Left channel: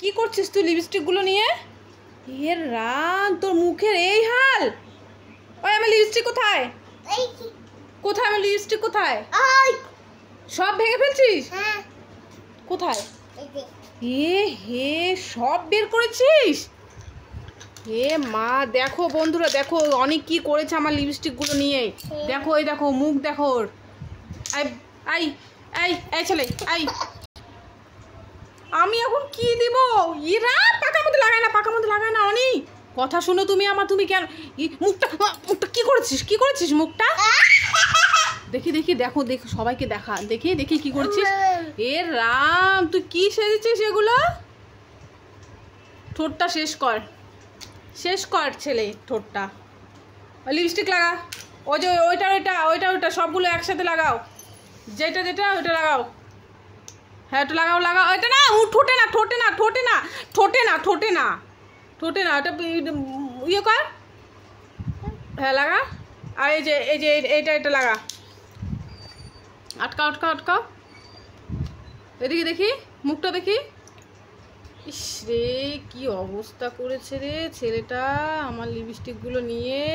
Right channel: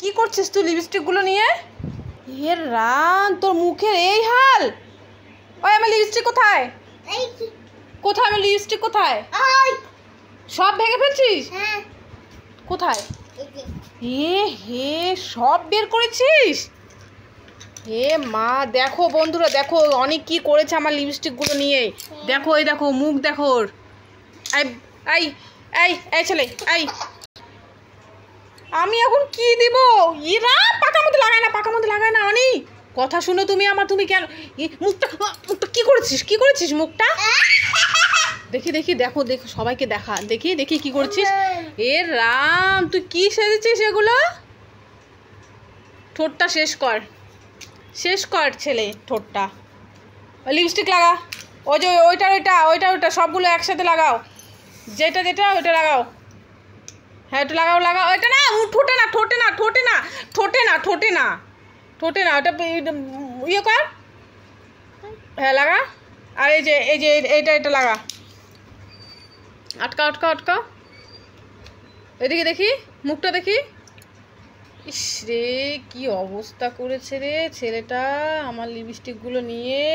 কি করছিস তুই লিপস্টিক গুলো নিয়ে? এ রাম, তোর মুখের এই হাল! ওই আমার লিপস্টিক কোথায়? কোথায় আমার লিপস্টিক কোথায়? সব ভেঙে ফেলছিস? কোথায়? এ হে, সব বের করেছিস? হে মা, দেখো বন্ধুরা, দেখো অনেক কি করেছে আমার লিপস্টিক গুলো নিয়ে। দেখো, এই দেখো মুখ দেখো ওর। এই এই এই ছেলে, এই আমি এখন কি দিব? ইরা, পাকার মধ্যে লাগায় না, পাকার মধ্যে লাগায় না। অনি কথা শুনো তুমি আমার, তুমি কেন মুখটা মুখটা কি করেছিস? কি করেছিস মুখটা? দেখি দেখি, দেখো দেখো, সবাইকে দেখা, দেখি দেখি কি করছিস। এ রাম, তুই কি সেজেছিস এগুলো? ঠোঁটটা শেষ কর, শেষ কর ছেলে ঠোঁটটা। লিপস্টিক লাগা, ওই যে ওইটা ওইটা ওইটা ওইটা সবগুলো একসাথে লাগাও, যেটা যেটা ওইটা লাগাও। হ্যাঁ, একটু লাগাও লাগাও। ওইটা না, ঠোঁটে না, ঠোঁটে না, ঠোঁটে না, ঠোঁটে না, ঠোঁটে না, ঠোঁটে না, ওটা ইয়ে কর। হ্যাঁ লাগা। আর এই যে এই যে এইটা এটা লাগা, আটকা আটকা আটকা। এদিকে দেখি, মুখটা দেখি। ইস রে, কি অবস্থা করেছে রে ছেলেটা আমার লিপস্টিকগুলো নিয়ে।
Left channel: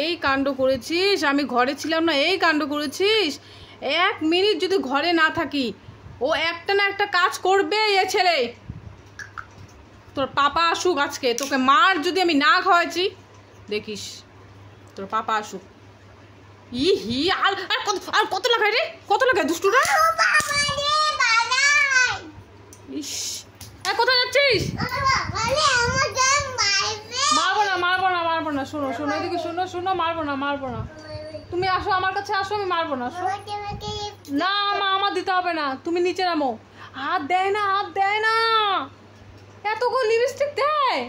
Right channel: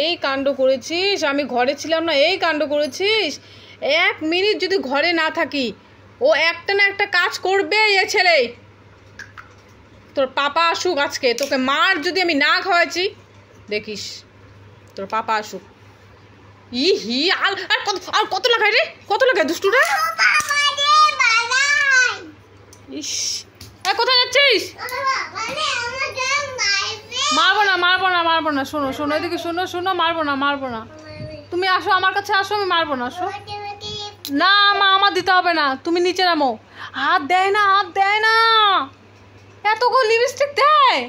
এই কাণ্ড করেছিস, আমি ঘরে ছিলাম না, এই কাণ্ড করেছিস। 1 মিনিট যদি ঘরে না থাকি, ও একটা না একটা কাজ করবে এ ছেলে। তোর পাপা আসুক আজকে, তোকে মার যদি আমি না খাওয়াইছি, দেখিস তোর পাপা আসুক। ই হি, আর কত লাগায় রে, কত লাগায় দুষ্টুরা। ইস, কোথায় যাচ্ছিস? মারবো না, মারবো না, মারবো না। শোনো শোনো, এদিকে শোনো শোনো, মারবো না, মারবো না। তুমি আসো আমার কাছে, আসো, আমি মারবো না। আসো না মা, আমার দিতে হবে না, তুমি নিচে নামো। হাত দেয় না, হাত দেয় না, এতগুলো লিপস্টিক দেয়।